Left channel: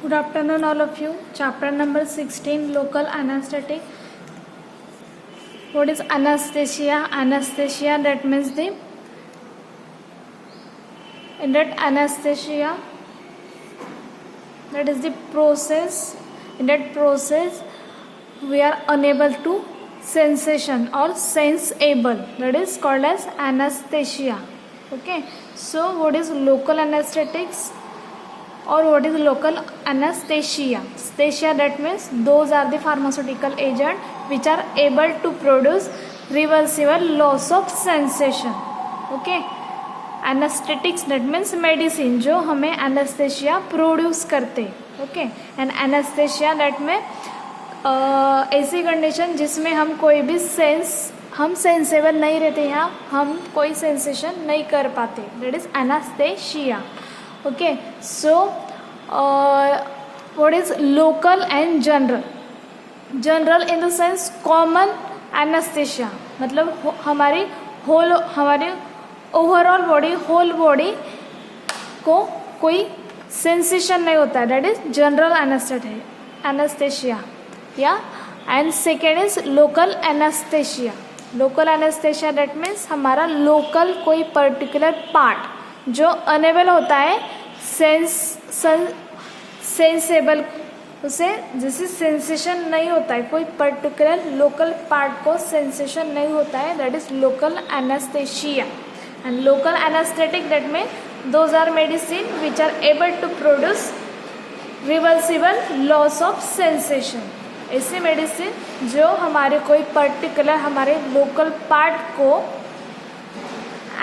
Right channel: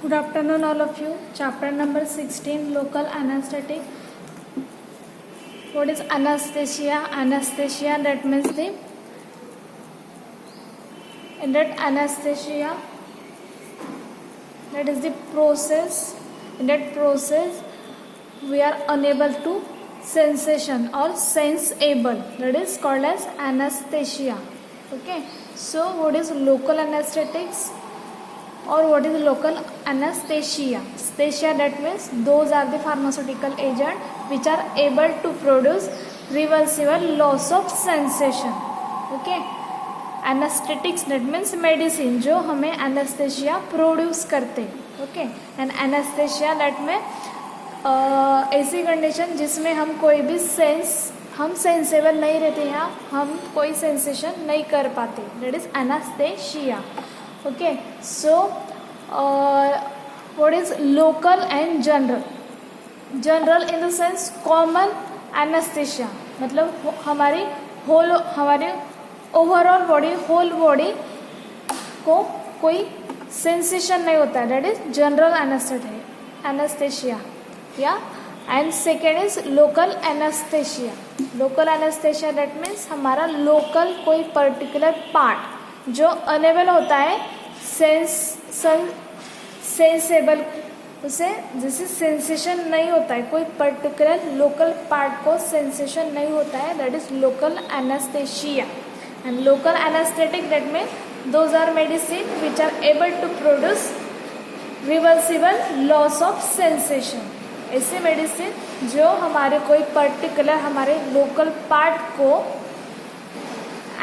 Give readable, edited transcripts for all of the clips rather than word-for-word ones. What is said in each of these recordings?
Good afternoon, all of you. Chapter number 16, local anesthetic. What is anesthesia? Anesthesia, that means anesthesia, that is the process. In that process, we are unable to sensation or sensible. That is called as anesthesia. Okay. So, what is local anesthetics? Or what is local anesthesia? Anesthesia, that means those are the pharmaceutical agent which are able to produce reversible loss of sensation. Okay. Anesthetics, that means medicine जो हमें anesthesia produce करते. Okay. And anesthesia, that में ऐसी condition जिसमें हम कोई भी हम सेंसेबल नहीं रहते हैं, हम कोई सेंसेशन नहीं कर पाते. That is anesthesia. Okay, so what is local and general? General in the sense common anesthesia, मतलब हमारी ओवरऑल बॉडी, होल बॉडी को कोई सेंसेशन नहीं होता है. That is general anaesthesia. या and second is local anaesthesia. Local anaesthesia that means हमारा local कोई पर्टिकुलर पार्ट जो अनेबल होता है सेंसेबल, उसे जैसे सेंसेशन नहीं होता है, कोई पर्टिकुलर लोकल पार्ट को सेंसेशन नहीं होता है. That is local anaesthesia. And local anaesthetic that mean those are medicine which are able to produce reversible loss of sensation. ऐसे मेडिसिन जो हमारे कोई पर्टिकुलर हमारे लोकल पार्ट को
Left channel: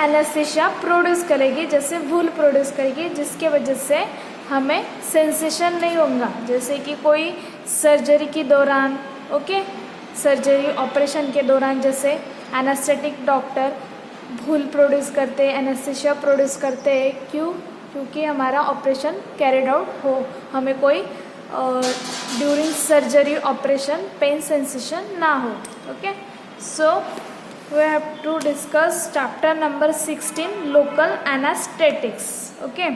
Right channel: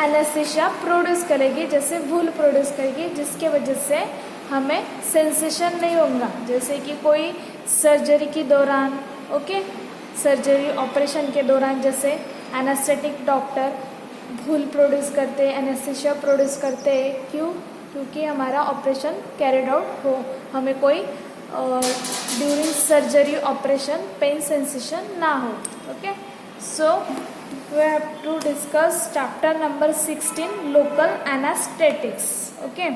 एनेस्थेशिया प्रोड्यूस करेगी, जैसे वूल प्रोड्यूस करेगी, जिसके वजह से हमें सेंसेशन नहीं होगा. जैसे कि कोई सर्जरी के दौरान, ओके, सर्जरी ऑपरेशन के दौरान जैसे एनेस्थेटिक डॉक्टर वूल प्रोड्यूस करते हैं, एनेस्थेशिया प्रोड्यूस करते हैं. क्यों? क्योंकि हमारा ऑपरेशन कैरिड आउट हो, हमें कोई during surgery operation pain sensation ना हो. Okay, so we have to discuss chapter number 16, local anesthetics. Okay,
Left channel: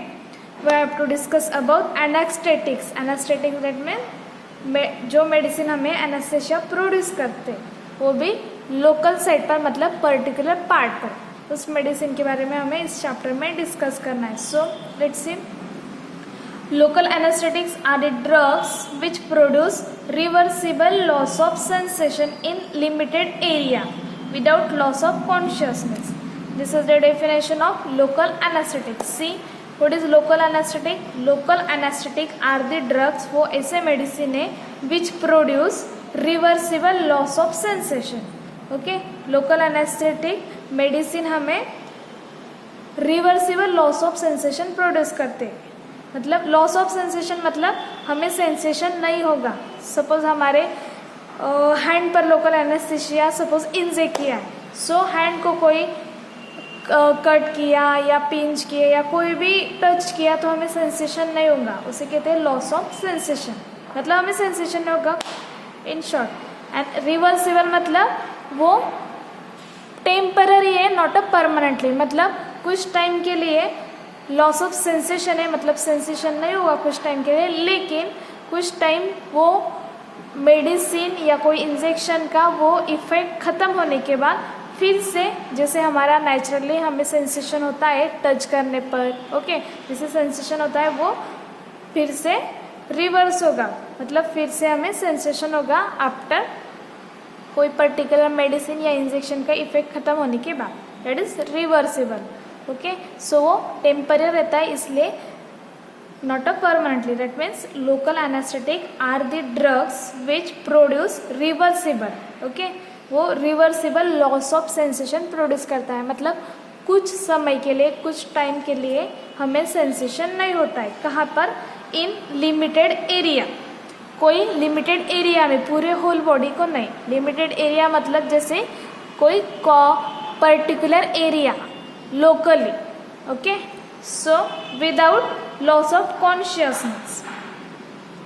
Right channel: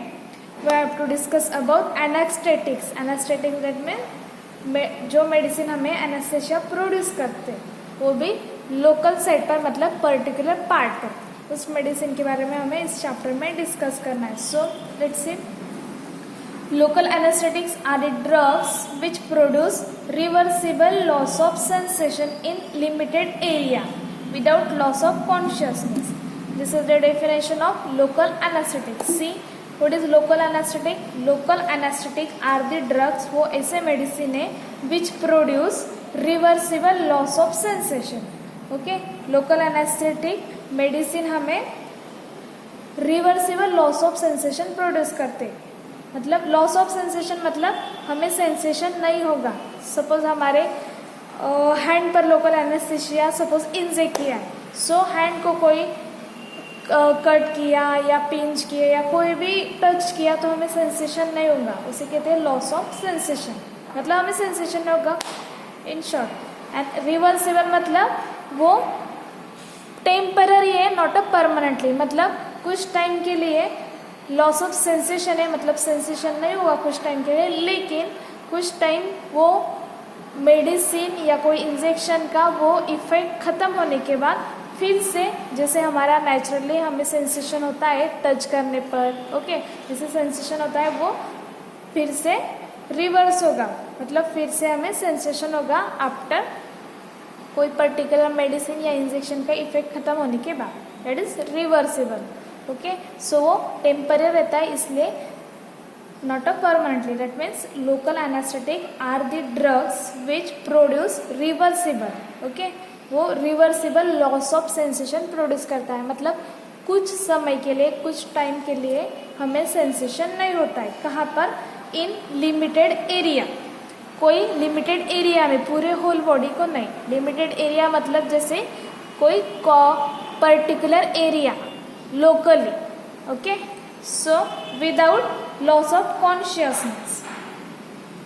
we have to discuss about anesthetics. Anesthetics that mean जो मेडिसिन हमें एनेस्थेशिया प्रोड्यूस करते हैं वो भी लोकल साइट पर, मतलब पर्टिकुलर पार्ट पर, उस मेडिसिन के बारे में हमें इस चैप्टर में डिस्कस करना है. So let's see. Local anesthetics are the drugs which produce reversible loss of sensation in limited area without loss of consciousness. This is the definition of local anesthetic. See, what is local anesthetic? Local anesthetic are the drugs, वो ऐसे medicine है which produce reversible loss of sensation. Okay, local anesthetic medicine हमें reversible loss of sensation produce करते. मतलब loss of sensation मतलब हमें sensation नहीं होगा. सपोज हमारे हैंड पर लोकल एनेस्थेशिया सपोज इंजेक्ट किया, सो हैंड को कोई कट किया या पिंच किया या कोई भी टच किया तो हमें सेंसेशन नहीं होगा. उसे कहते हैं लॉस ऑफ सेंसेशन, मतलब हमें सेंसेशन नहीं होगा इन शॉर्ट. एंड रिवर्सिबल मतलब वो टेम्पररी है, नॉट अ परमानेंटली, मतलब कुछ टाइम के लिए लॉस ऑफ सेंसेशन है, मतलब सेंसेशन नहीं हुआ कुछ टाइम के लिए, लेकिन कुछ टाइम वो मेडिसिन या कोई इंजेक्शन का वो इफेक्ट खत्म होने के बाद फिर से, जैसे हमारा नेचुरली हमें सेंसेशन होता है टच करने पर, ओके, जैसे सेंसेशन होता है वो फिर से रिवर्स होगा, मतलब फिर से हमें सेंसेशन होगा आफ्टर कोई पर्टिकुलर मेडिसिन या इंजेक्शन का इफेक्ट खत्म होने के बाद. That is reversible. ओके, सो वो टेम्पररी रहता है, इसलिए not a permanently. That means local anesthetic are the drugs which produce reversible, okay, वो reversible loss of sensation produce करता है, मतलब कुछ समय के लिए, कुछ टाइम के लिए हमें सेंसेशन नहीं होता है. कहाँ पर? इन लिमिटेड एरिया, कोई लिमिटेड एरिया में, पूरे होल बॉडी को नहीं. लिमिटेड एरिया मतलब जैसे कोई particular area locally. Okay, so without loss of consciousness.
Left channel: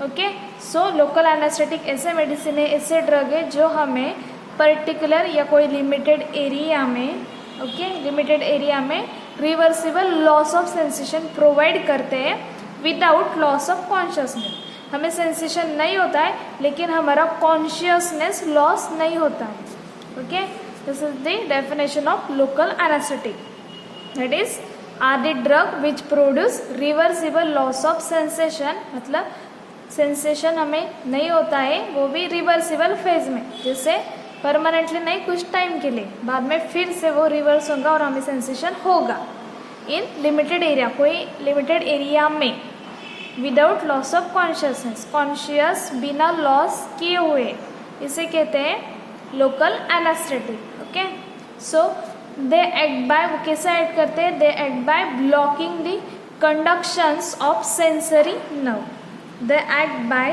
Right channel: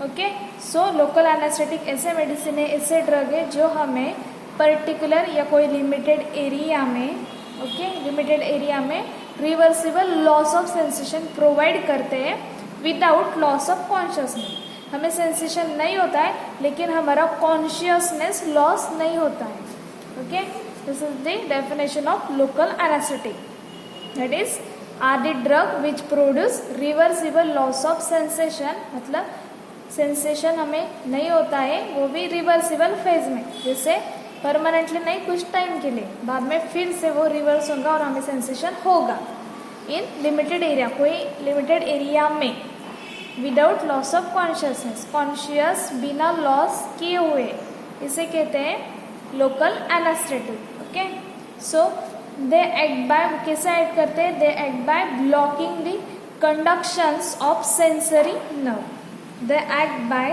Okay, so local anaesthetic ऐसे मेडिसिन है, ऐसे ड्रग है जो हमें पर्टिकुलर या कोई लिमिटेड एरिया में, ओके, लिमिटेड एरिया में reversible loss of sensation provide करते हैं विदाउट लॉस ऑफ कॉन्शियसनेस। हमें सेंसेशन नहीं होता है लेकिन हमारा कॉन्शियसनेस लॉस नहीं होता है। Okay, this is the definition of local anaesthetic. That is are the drug which produce reversible loss of sensation, मतलब सेंसेशन हमें नहीं होता है वो भी रिवर्सिबल फेज में, जैसे परमानेंटली नहीं, कुछ टाइम के लिए, बाद में फिर से वो रिवर्स होगा और हमें सेंसेशन होगा इन लिमिटेड एरिया, कोई लिमिटेड एरिया में, without loss of consciousness, conscious बिना लॉस किए हुए, इसे कहते हैं local anaesthetic. Okay, so they act by, कैसे एक्ट करते हैं, they act by blocking the conductions of sensory nerve, they act by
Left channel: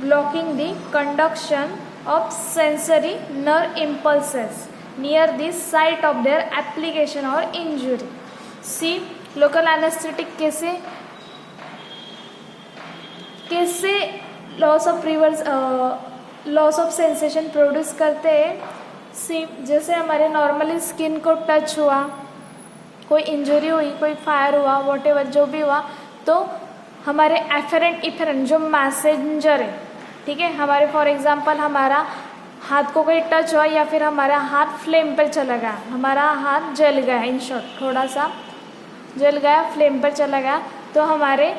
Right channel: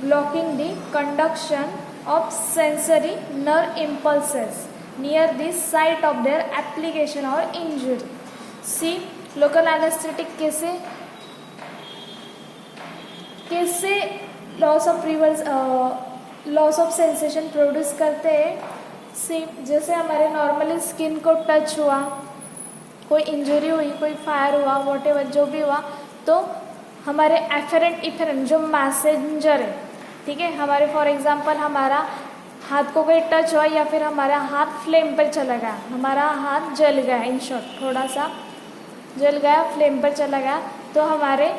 blocking the conduction of sensory nerve impulses near the site of their application or injury. See, local anesthetic कैसे loss of sensation produce करते हैं। सी, जैसे हमारे normally skin को touch हुआ, कोई injury हुई, कोई फायर हुआ, वॉटेवर जो भी हुआ, तो हमारे एफरेंट इफरेंट जो मैसेंजर है, ठीक है, हमारे फॉर एग्जांपल हमारा हाथ को कोई टच हुआ या फिर हमारा हाथ फ्लेम पर चला गया, हमारा हाथ जल गया, इन शॉर्ट थोड़ा सा जल गया, फ्लेम पर चला गया, तो हमारे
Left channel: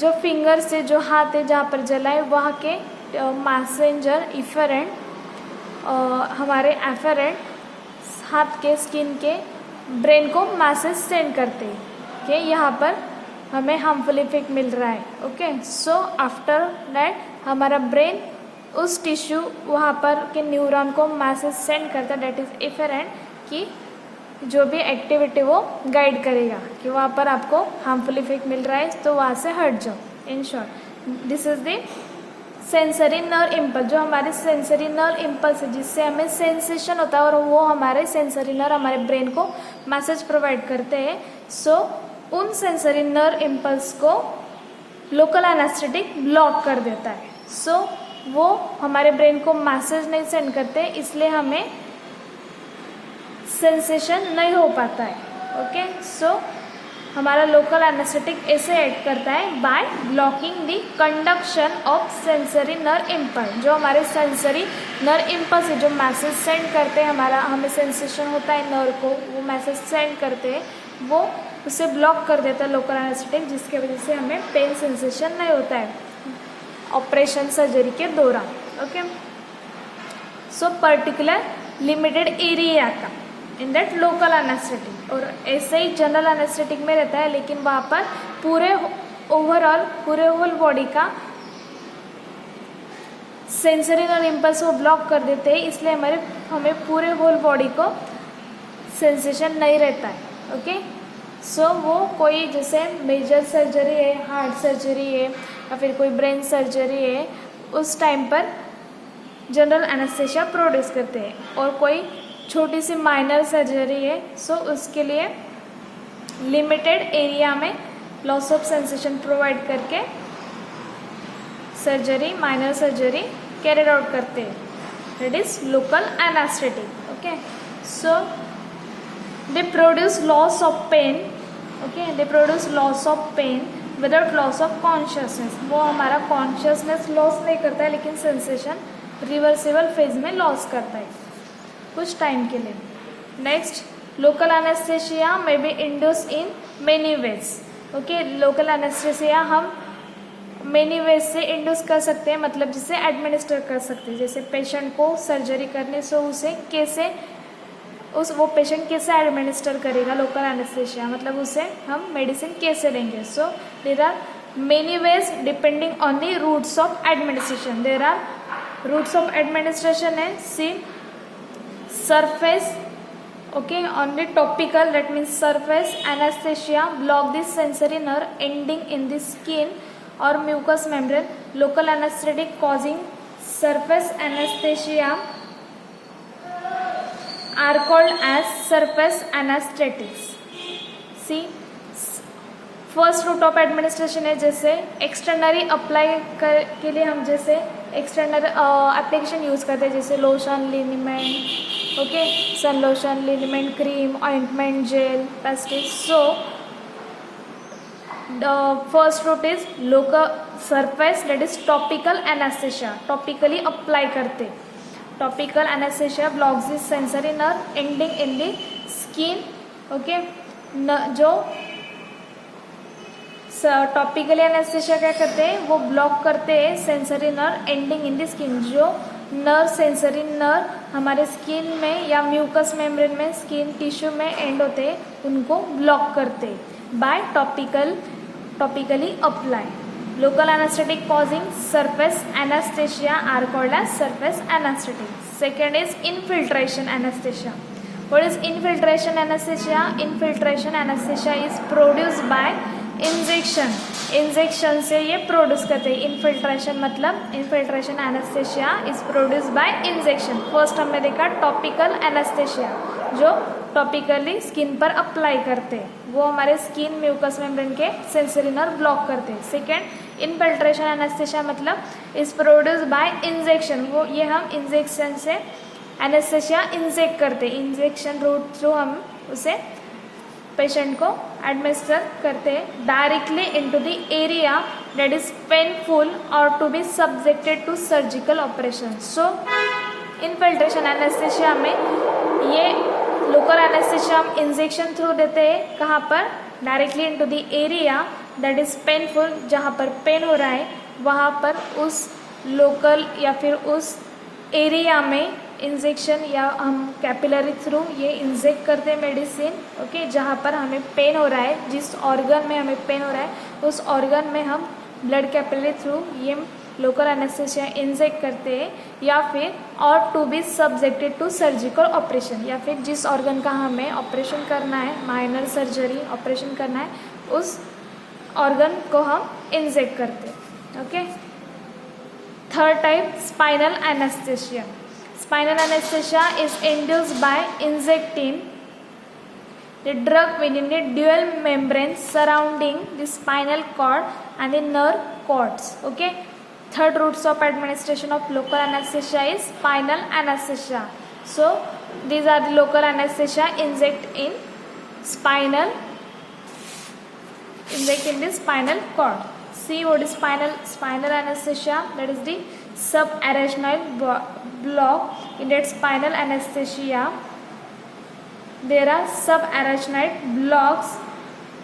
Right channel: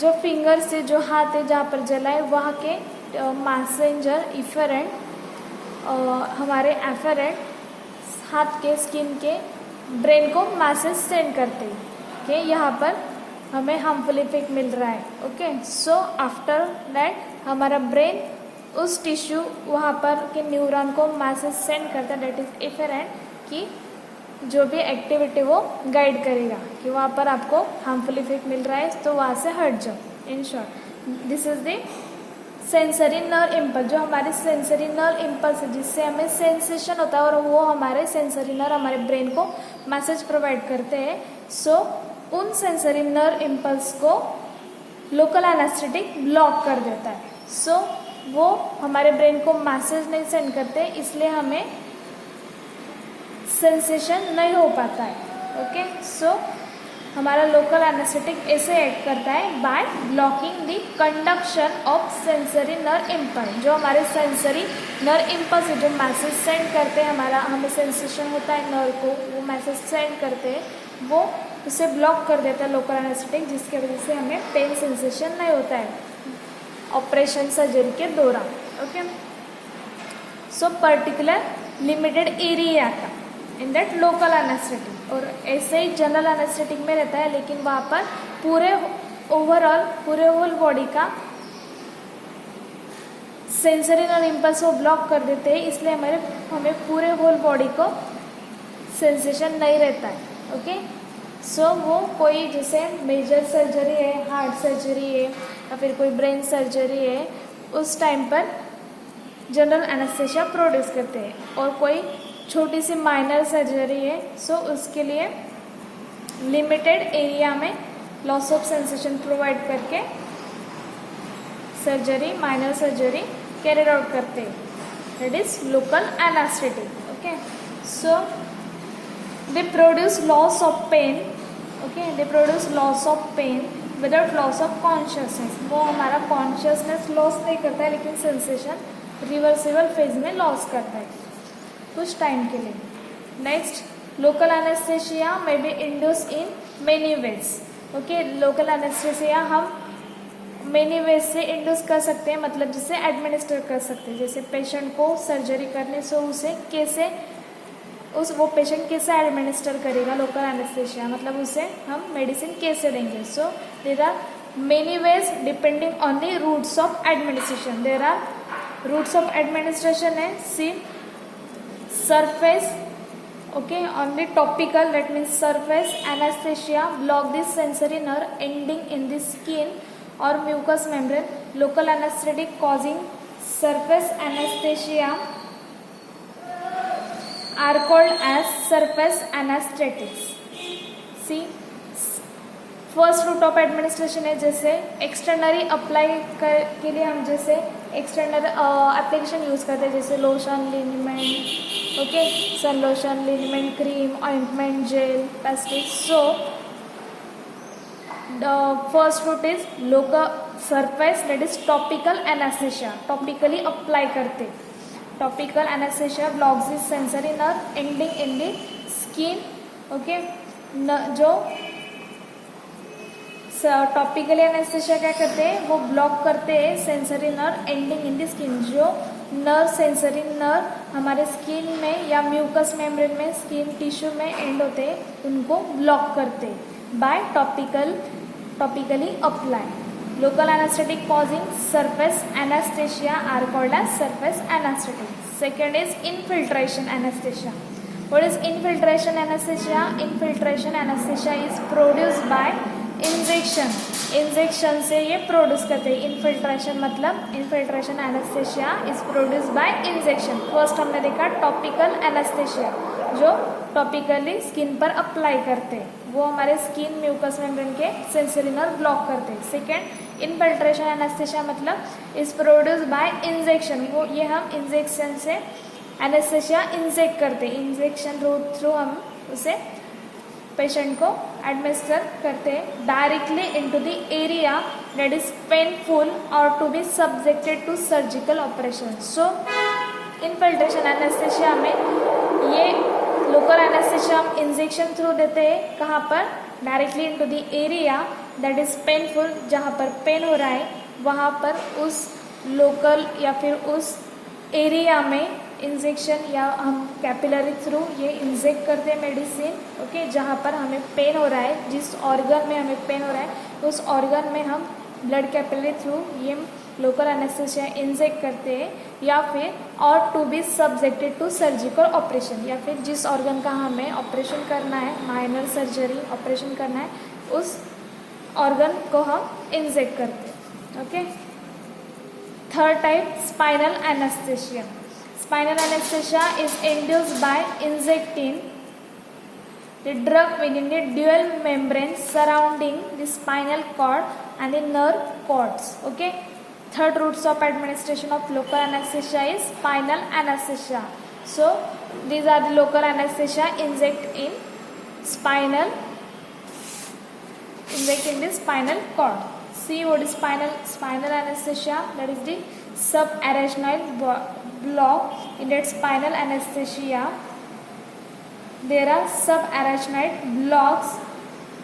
जो फिंगर से जो हाथ है जहाँ पर जला है वहाँ के मैसेंजर इफरेंट, हमारे एफरेंट हाथ के स्किन के ब्रेन को मैसेज सेंड करते हैं कि यहाँ पर हमें हार्मफुल इफेक्ट मिल रहा है। ओके, सो आफ्टर दैट हमारा ब्रेन उस टिश्यू वहाँ पर के न्यूरॉन को मैसेज सेंड करता है, दैट इज इफरेंट, कि जो भी एक्टिविटी वो गाइड करेगा कि वहाँ पर आपको हार्मफुल इफेक्ट मिल रहा है तो वहाँ से हट जाओ। In short this is the sensory nerve impulse, जो हमारे सेंसरी नर्व इम्पल्स है जिससे हमें सेंसेशन होता है और वो हमारे सेंसरी नर्व हमारे ब्रेन को मैसेज प्रोवाइड करते हैं। सो उन सेंसरी नर्व इम्पल्स को लोकल एनेस्थेटिक ब्लॉक कर देता है। सो वो हमारे ब्रेन को मैसेज नहीं सेंड करते, इसलिए हमें सेंसेशन नहीं हो पाता है। ओके, सो हमारा लोकल एनेस्थेटिक ऐसे एक्ट करता है bye blocking the conduction of sensory nerve impulse, जो हमारे सेंसरी नर्व इम्पल्स है जो मैसेज सेंड करते हैं, हमारा हमें सेंसेशन होता है नर्व को, वो मैसेज सेंड करते हैं, वो उसे ब्लॉक कर देता है लोकल एनेस्थेटिक, जिसकी वजह से हमें पेन सेंसेशन नहीं होता है ऑपरेशन सर्जरी के दौरान। Okay, so particular limited area था इन दैट लोकल एनेस्थेटिक, और ऐसे ही जनरल एनेस्थेटिक में रहता है, लेकिन वहाँ पर पूरे ओवरऑल पूरे होल बॉडी का सेंसरी नर्व इम्पल्स वो ब्लॉक कर देते हैं, इसलिए हमें पूरे होल बॉडी को सेंसेशन नहीं रहता है। ओके, सो वो कोई जैसे मेजर सर्जरी है, हार्ट सर्जरी है या फिर कोई ब्रेन सर्जरी है, उस टाइम पर जनरल एनेस्थेशिया प्रोड्यूस करते हैं, और कोई छोटी सी माइनर सर्जरी है, सो उसके लिए लिमिटेड एरिया में लॉस ऑफ सेंसेशन प्रोवाइड करके surgery, minor surgery carried out करते हैं, that is local anaesthetic. Okay, so they produce loss of pain, okay, they produce loss of pain without loss of consciousness, वो हमारा consciousness loss नहीं करता है लेकिन sensation reversible phase में loss करता है कुछ टाइम के लिए। नेक्स्ट, लोकल एनेस्थेशिया में be induce in many ways. Okay, local anaesthesia हम मेनी वेज से इंड्यूस कर सकते हैं, मतलब जिसे एडमिनिस्टर कर सकते हैं, जैसे पेशेंट को सर्जरी करने से उसे कैसे वो पेशेंट कैसे एडमिनिस्टर करेगा लोकल एनेस्थेशिया, मतलब उसे हम मेडिसिन कैसे देंगे। So there are many ways depending on the routes of administration. There are routes of administration है, see surface, okay, on the topical, that means surface anaesthesia block the sensory nerve ending in the skin और mucous membrane, local anaesthetic causing surface anaesthesia are called as surface anesthetics. See, first route of administration है, जैसे एक्सटर्नरी apply के लिए हम जैसे external application use करते हैं, जैसे lotion, liniment, okay, sun lotion, liniment cream, ointment, gel, pastes. So first route is local surface, that is topical anaesthesia, topically apply करते. Topical anaesthesia blocks the sensory nerve ending in the skin. Okay, जो topical anaesthesia क्या करते हैं, वो block करते हैं sensory nerve ending in the skin. जो nerve, sensory nerve हमारे स्किन में या म्यूकस मेम्ब्रेन में, स्किन टिश्यू में एंड होते हैं, उनको ब्लॉक करते हैं by topically apply. Local anaesthetic causing surface anaesthesia are called as surface anaesthetic. Second is infiltration anaesthesia. What is infiltration anesthesia? Infiltration anesthesia is produced by injection. Injection से ये produce करते हैं. Infiltration मतलब infiltration anaesthesia is produce by injection. First हमने देखा topical anaesthesia, जो topically skin पर apply करते हैं, वो हमारे स्किन म्यूकस मेम्ब्रेन के सेंसरी नर्व ब्लॉक करते हैं. सेकेंड इनफिल्ट्रेशन एनेस्थेसिया मतलब इज प्रोड्यूस बाय इंजेक्शन. वो ये हम इंजेक्शन से एनेस्थेसिया इंजेक्ट करते हैं. इंजेक्शन रूट थ्रू हम उसे पेशेंट को एडमिनिस्टर करते हैं directly into the area that is painful और to be subjected to surgical operation. So infiltration anaesthesia में ये लोकल एनेस्थेसिया हम इंजेक्शन थ्रू देते हैं. कहाँ पर? Directly into the area that is painful, जहाँ पर पेन हो रहा है वहाँ पर उस लोकल या फिर उस एरिया में इंजेक्शन या हम कैपिलरी थ्रू ये इंजेक्ट करते हैं मेडिसिन. ओके, जहाँ पर हमें पेन हो रहा है, जिस ऑर्गन में हमें पेन हो रहा है उस ऑर्गन में हम ब्लड कैपिलरी थ्रू ये लोकल एनेस्थेसिया इंजेक्ट करते हैं. या फिर और to be subjected to surgical operation, या फिर जिस ऑर्गन का हमें ऑपरेशन करना है, माइनर सर्जरी ऑपरेशन करना है, उस ऑर्गन को हम इंजेक्ट करते हैं. Okay, third type spinal anaesthesia. Spinal anesthesia is induced by injecting the drug within the dual membrane surrounding the spinal cord and the nerve cords. Okay. Third routes of administration of local anesthesia is spinal anesthesia. So these are the local anesthesia inject in the spinal cord. See what is spinal anesthesia? That is the subarachnoid block. In that spinal anesthesia there are subarachnoid blocks,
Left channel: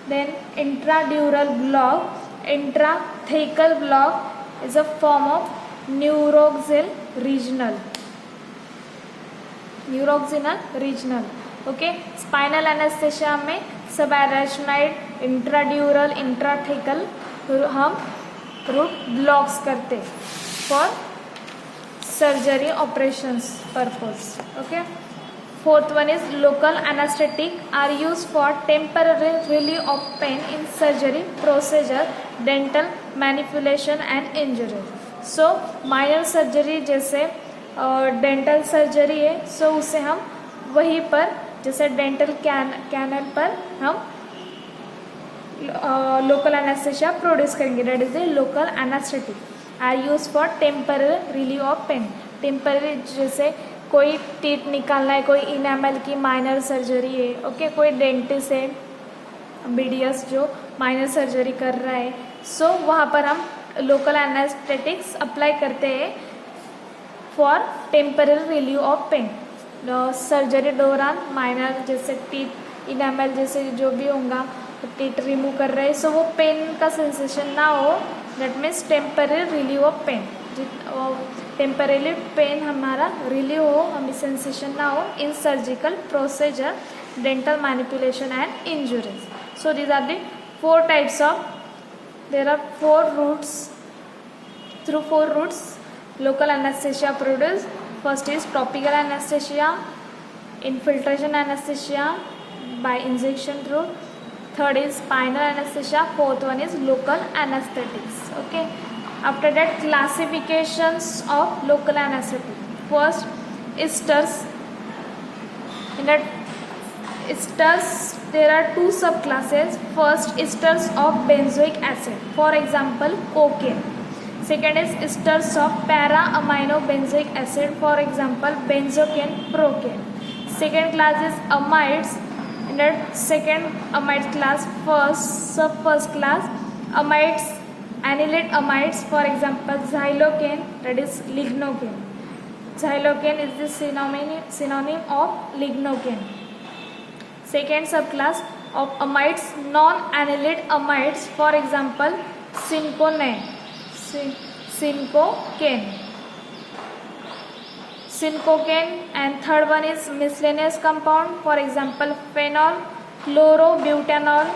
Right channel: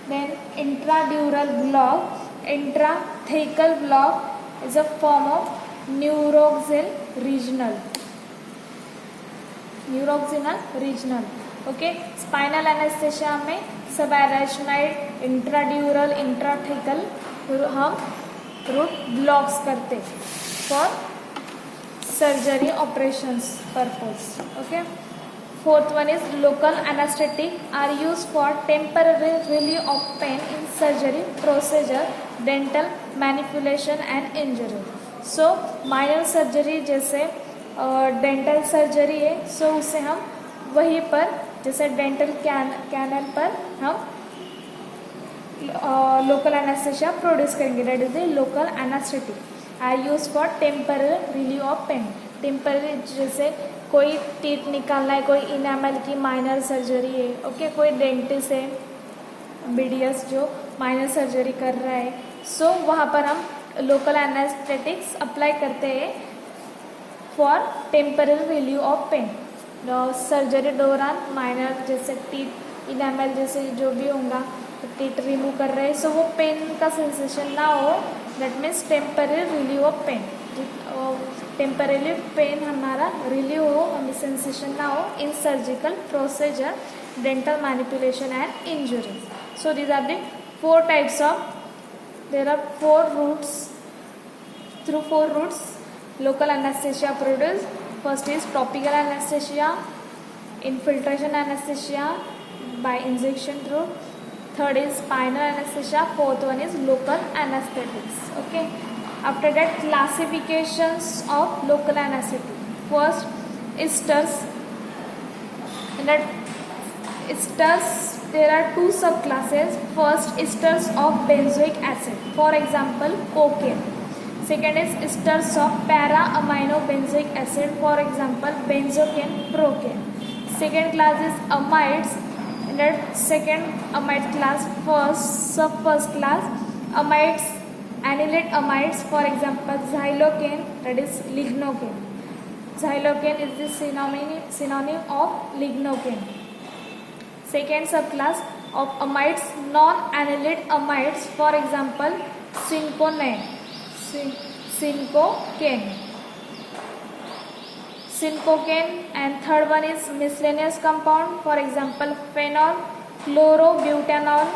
then intradural block. Intrathecal block is a form of neuroaxial regional. Okay, spinal anesthesia में subarachnoid, intradural, intrathecal हम root blocks करते for surgery operations purpose. Okay, fourth one is local anaesthetic are use for temporary relief of pain in surgery procedure, dental manipulation and injury. So minor surgery जैसे dental surgery है, so उसे हम वहीं पर जैसे dental canal पर हम local anaesthesia produce करेंगे. That is the local anaesthetic are use for temporary relief of pain. Temporary जैसे कोई टीथ निकालना है, कोई इनामल की माइनर सर्जरी है. ओके, कोई डेंटिस्ट है, बीडीएस जो माइनर सर्जरी कर रहा है, सो वहाँ पर हम लोकल एनेस्थेटिक्स अप्लाई करते हैं for temporary relief of pain. Surgery दौरान माइनर जैसे टीथ इनामल जैसे जो भी होगा टीथ रिमूव कर रहे हैं, सो वो पेन का सेंसेशन ना हो. That means temporary relieve of pain. Temporary pain हमारा रिलीव हो, हमें सेंसेशन ना हो in surgical procedure, dental manipulation and injuries. So these are the four types of, there are four routes, through four routes local anaesthesia produce. First is topical anaesthesia, infiltration anesthesia by injection route. Third is spinal anesthesia. Fourth one is local anesthetics. Okay. After that, classifications of local anesthetic. First, esters. In that esters, there are two subclasses. First, esters of benzoic acid. For example, cocaine. Second is esters of para-amino-benzoic acid. For example, benzocaine, procaine. Second class is amides. In that second amide class, first class amides, annylate amides, for example xylocane, that is lignocane. Xylocane is the synonym of lignocane. Second subclass of amides, non-annylate amides, for example cinchocane. And third one is miscellaneous compound, for example phenol, chlorobutanol,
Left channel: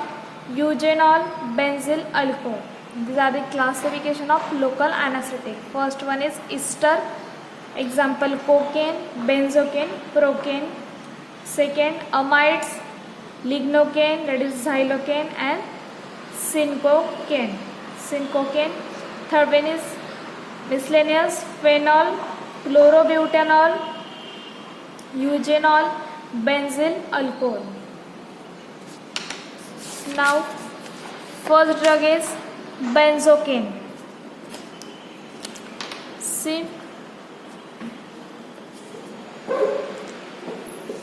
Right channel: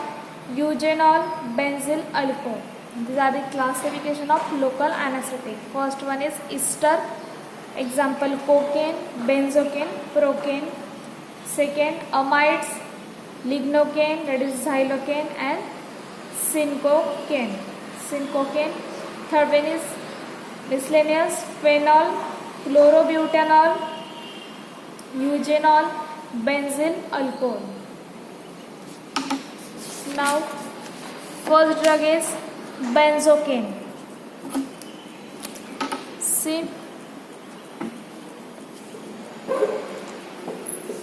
eugenol, benzyl alcohol. These are the classification of local anesthetic. First one is ester, example cocaine, benzocaine, procaine. Second amides, lignocane, that is xylocane, and cinchocane. Third one is miscellaneous, phenol, chlorobutanol, eugenol, benzyl alcohol. Now first drug is benzocaine. See,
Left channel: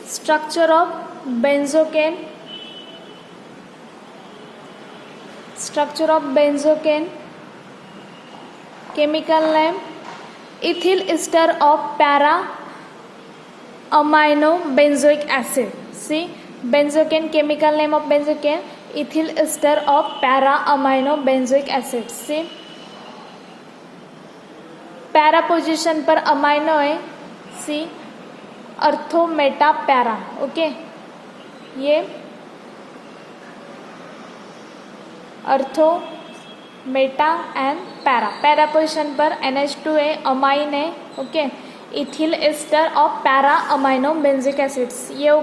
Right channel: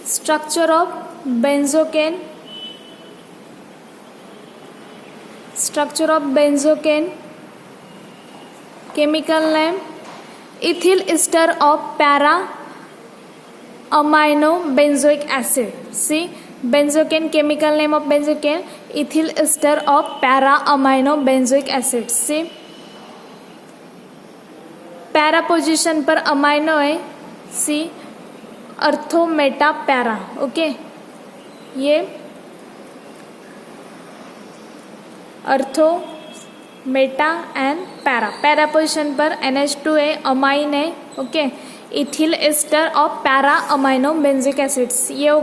structure of benzocaine. Chemical name ethyl ester of para amino benzoic acid. See, benzocaine, chemical name of benzocaine ethyl ester of para amino benzoic acid. See, para position पर amino है. सी अर्थो Meta para. Okay, ये अर्थो Meta and para position पर NH2 है, amine है. Okay, ethyl ester of para amino benzoic acids. ये हो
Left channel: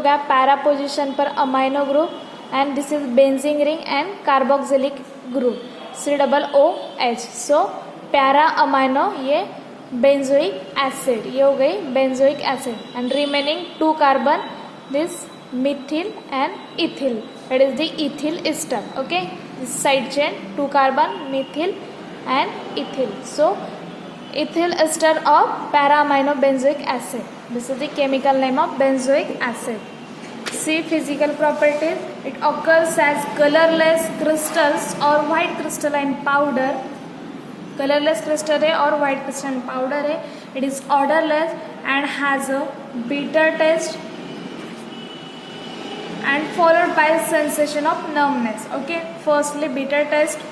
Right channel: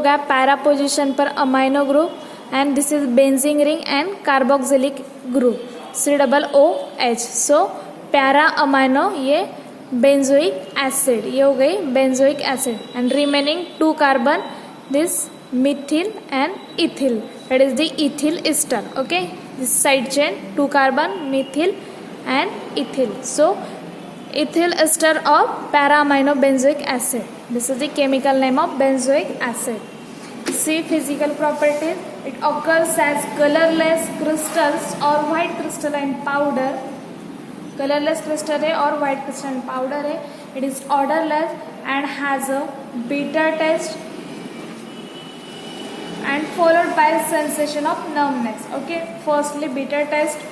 गया पैरा पोजिशन पर amino group. And this is benzene ring and carboxylic group COOH. So para amino ये बेंजोइक एसिड. ये हो गई benzoic acid. And remaining 2 carbon this methyl and ethyl, that is the ethyl ester. Okay, this side chain 2 carbon, methyl and ethyl. So ethyl ester of para amino benzoic acid. This is the chemical name of benzoic acid. See, physical properties. It occurs as colorless crystals or white crystalline powder. Colorless crystal है और white crystalline powder है. It is odorless and has a bitter taste and followed by sensation of numbness. Okay, firstly bitter taste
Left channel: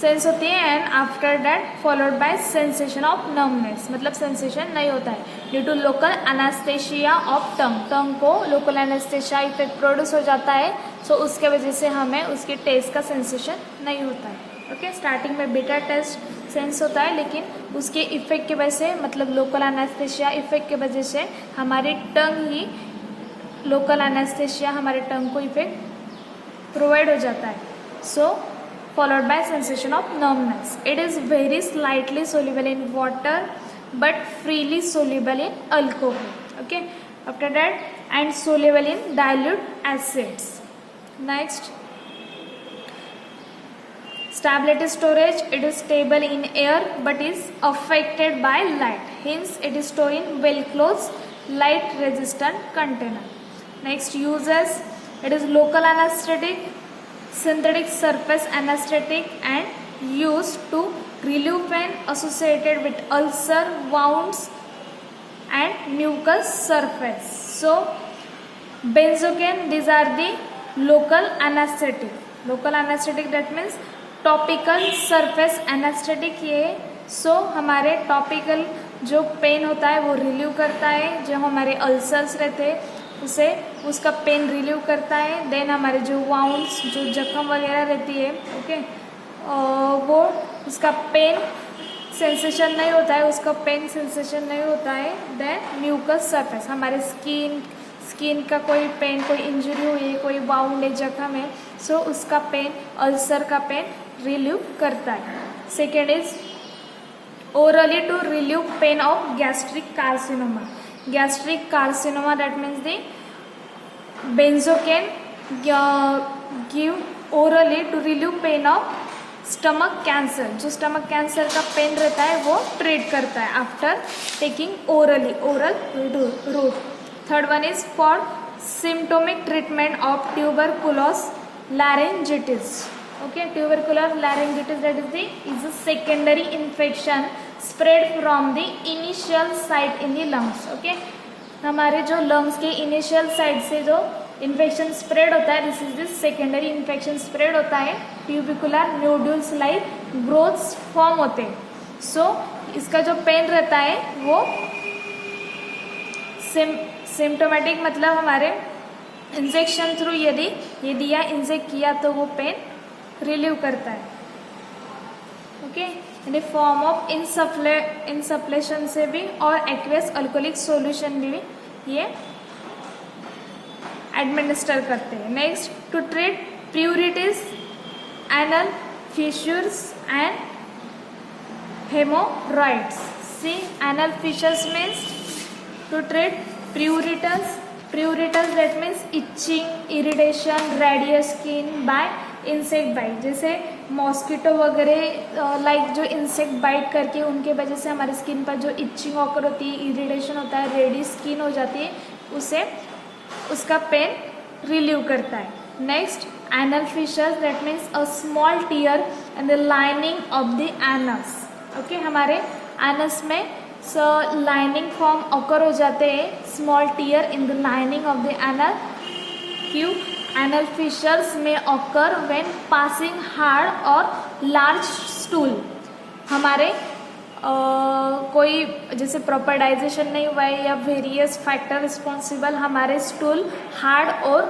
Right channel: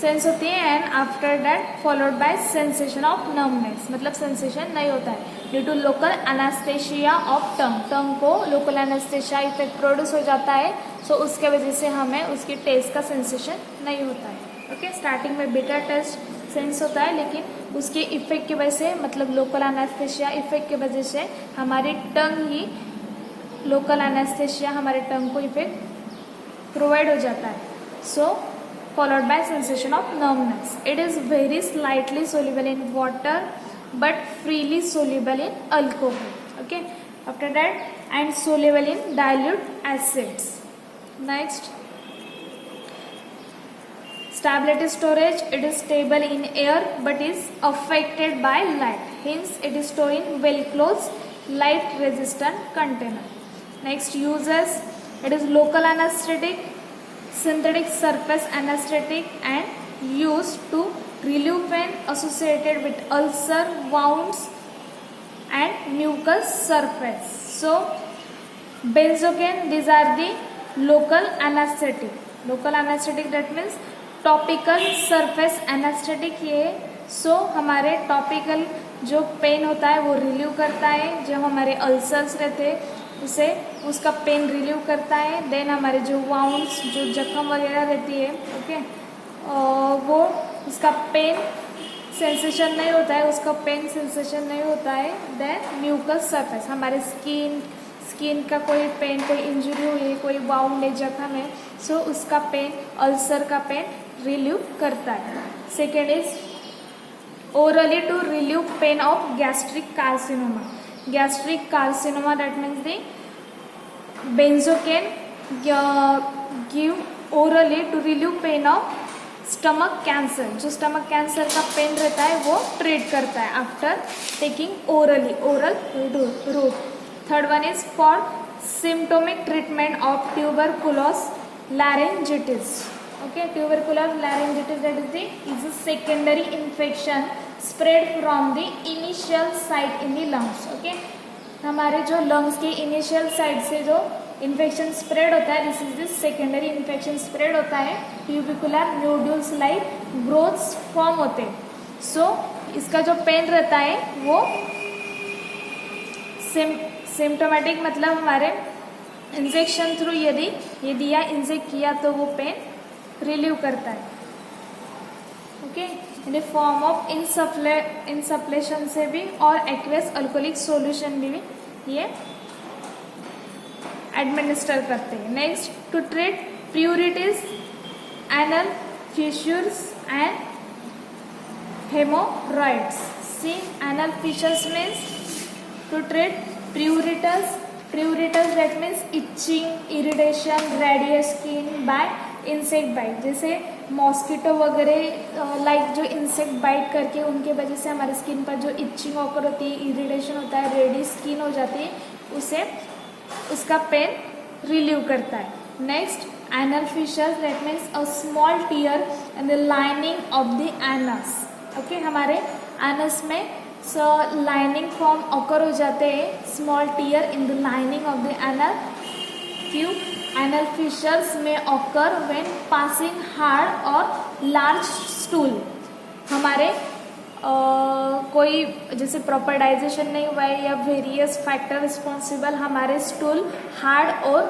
sense होती है and after that followed by sensation of numbness. मतलब sensation नहीं होता है due to local anaesthesia of tongue को local anaesthesia effect produce हो जाता है. सो उसके वजह से हमें उसकी टेस्ट का सेंसेशन नहीं होता है. ओके, स्टार्टिंग में बिटर टेस्ट सेंस होता है लेकिन उसके इफेक्ट की वजह से मतलब लोकल एनेस्थेशिया इफेक्ट की वजह से हमारी टंग ही लोकल एनेस्थेशिया हमारे टंग को इफेक्ट प्रोवाइड हो जाता है. सो followed by sensation of numbness. It is very slightly soluble in water but freely soluble in alcohol. Okay, after that, and soluble in dilute acids. Next, stability storage. It is stable in air but is affected by light. Hence, it is stored in well closed light resistant container. Next, uses. It is local anesthetic, synthetic surface anesthetic, and used to relieve pain associated with ulcer, wounds and mucous surface. So benzocaine, these are the local anesthetic. Local anesthetic, that means topical surface anesthetic. ये so हमारे topical जो pen होता है वो relieve करता है. जो हमारे अल्सर्स रहते हैं उसे उसका पेन रिलीव करता है. देन हमारे जो वाउंड्स जो जख्म वगैरह रहती है ओके वो उसका पेन सेंसेशन नहीं होता है, उसका पेन सेंसेशन नहीं होता है. देन म्यूकस सरफेस हमारे स्किन का कोई पेन, कोई इंजरी हुई है, कोई वाउंड है, जख्म है, सो उसका पेन अल्सर का पेन रिलीव करता है. Second is orally to relieve pain of gastric carcinoma. Gastric carcinoma, that means the benzocaine give orally to relieve pain of stomach cancer. जो stomach cancer का पेन रहता है वो ट्रीट करता है after taking orally, oral route. Third one is for symptomatic treatment of tuberculosis laryngitis. Okay, tuberculosis laryngitis, that is a secondary infection spread from the initial site in the lungs. Okay, हमारे जो lungs की initial side से जो infection spread होता है, this is this secondary infection spread होता है, ट्यूबिकुलर nodules like growths form होते हैं. सो इसका जो पेन रहता है वो सिम्टोमेटिक, मतलब हमारे इंजेक्शन थ्रू यदि दिया इंजेक्ट किया तो वो पेन रिलीव करता है. ओके, इन फॉर्म ऑफ इंसफ्लेशन से भी और एक्वेस अल्कोहलिक सॉल्यूशन भी ये एडमिनिस्टर करते हैं. Next, to treat pruritus, anal fissures and haemorrhoids. See, anal fissures means to treat pruritus. Pruritus that means itching, irritation, radius skin by insect bite. जैसे mosquito वगैरह like जो insect bite करके उनके वजह से हमारे स्किन पर जो इचिंग ऑकर होती है, इरिटेशन होता है, रेडी स्किन हो जाती है, उसे उसका पेन रिलीव करता है. Next, anal fissure that means a small tear in the lining of the anus. Okay, हमारे एनस में लाइनिंग फॉर्म ऑकर हो जाते हैं, small tear in the lining of the anal tube. Anal fissures में occur when passing hard और large stool. हमारे कोई जैसे प्रॉपर डाइजेशन नहीं हुआ है या वेरियस फैक्टर रिस्पॉन्सिबल, हमारे स्टूल हार्ड और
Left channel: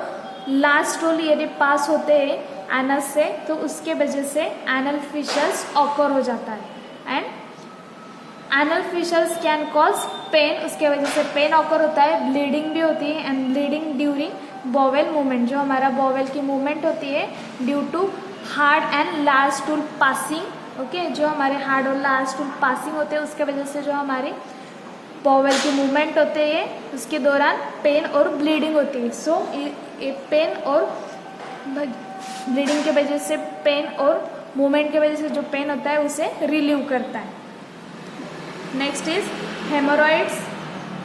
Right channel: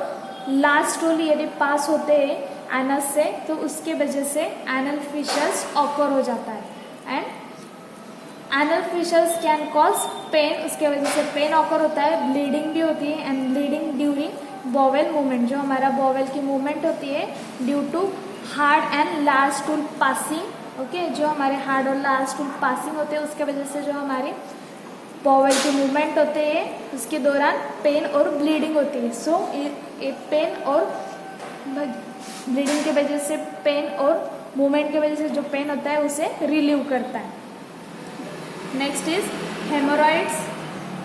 लार्ज स्टूल यदि पास होते हैं एनस से, तो उसके वजह से एनल फिशर्स ऑकर हो जाता है. And anal fissures can cause pain, उसके वजह से पेन ऑकर होता है, ब्लीडिंग भी होती है, and bleeding during bowel movement. जो हमारा बॉवेल की मूवमेंट होती है due to hard and large stool passing. Okay, जो हमारे हार्ड और लार्ज स्टूल पासिंग होते हैं उसके वजह से जो हमारे बॉवेल की मूवमेंट होते हैं उसके दौरान पेन और ब्लीडिंग होती है. सो एक पेन और ब्लीडिंग के वजह से पेन और मूवमेंट के वजह से जो पेन होता है उसे रिलीव करता है. Next is hemorrhoids.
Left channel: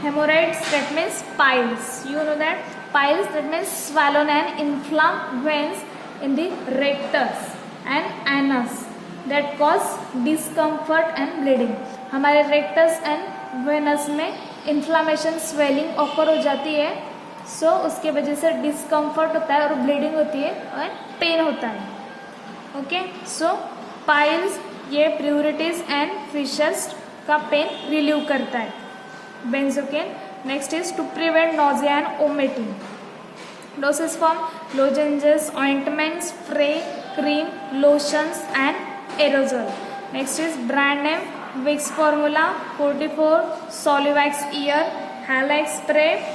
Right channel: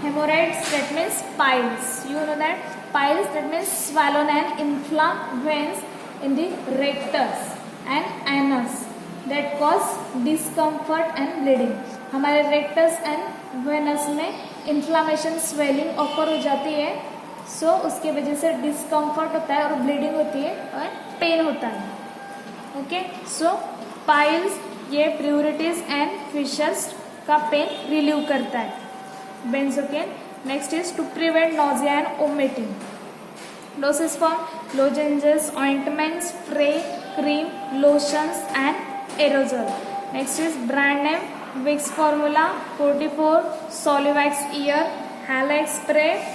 Hemorrhoids that means piles. You know that piles, that means swollen and inflamed veins in the rectus and anus that cause discomfort and bleeding. हमारे rectus and venous में inflammation, swelling occur हो जाती है, so उसके वजह से discomfort होता है और bleeding होती है और pain होता है. Okay, so piles ये pruritus and fissures का pain relieve करता है. Benzocaine. Next is to prevent nausea and vomiting. Dosage form: lozenges, ointments, spray, cream, lotions and aerosol. Next is brand name: Vicks formula, 44, Solivax ear, Halex spray,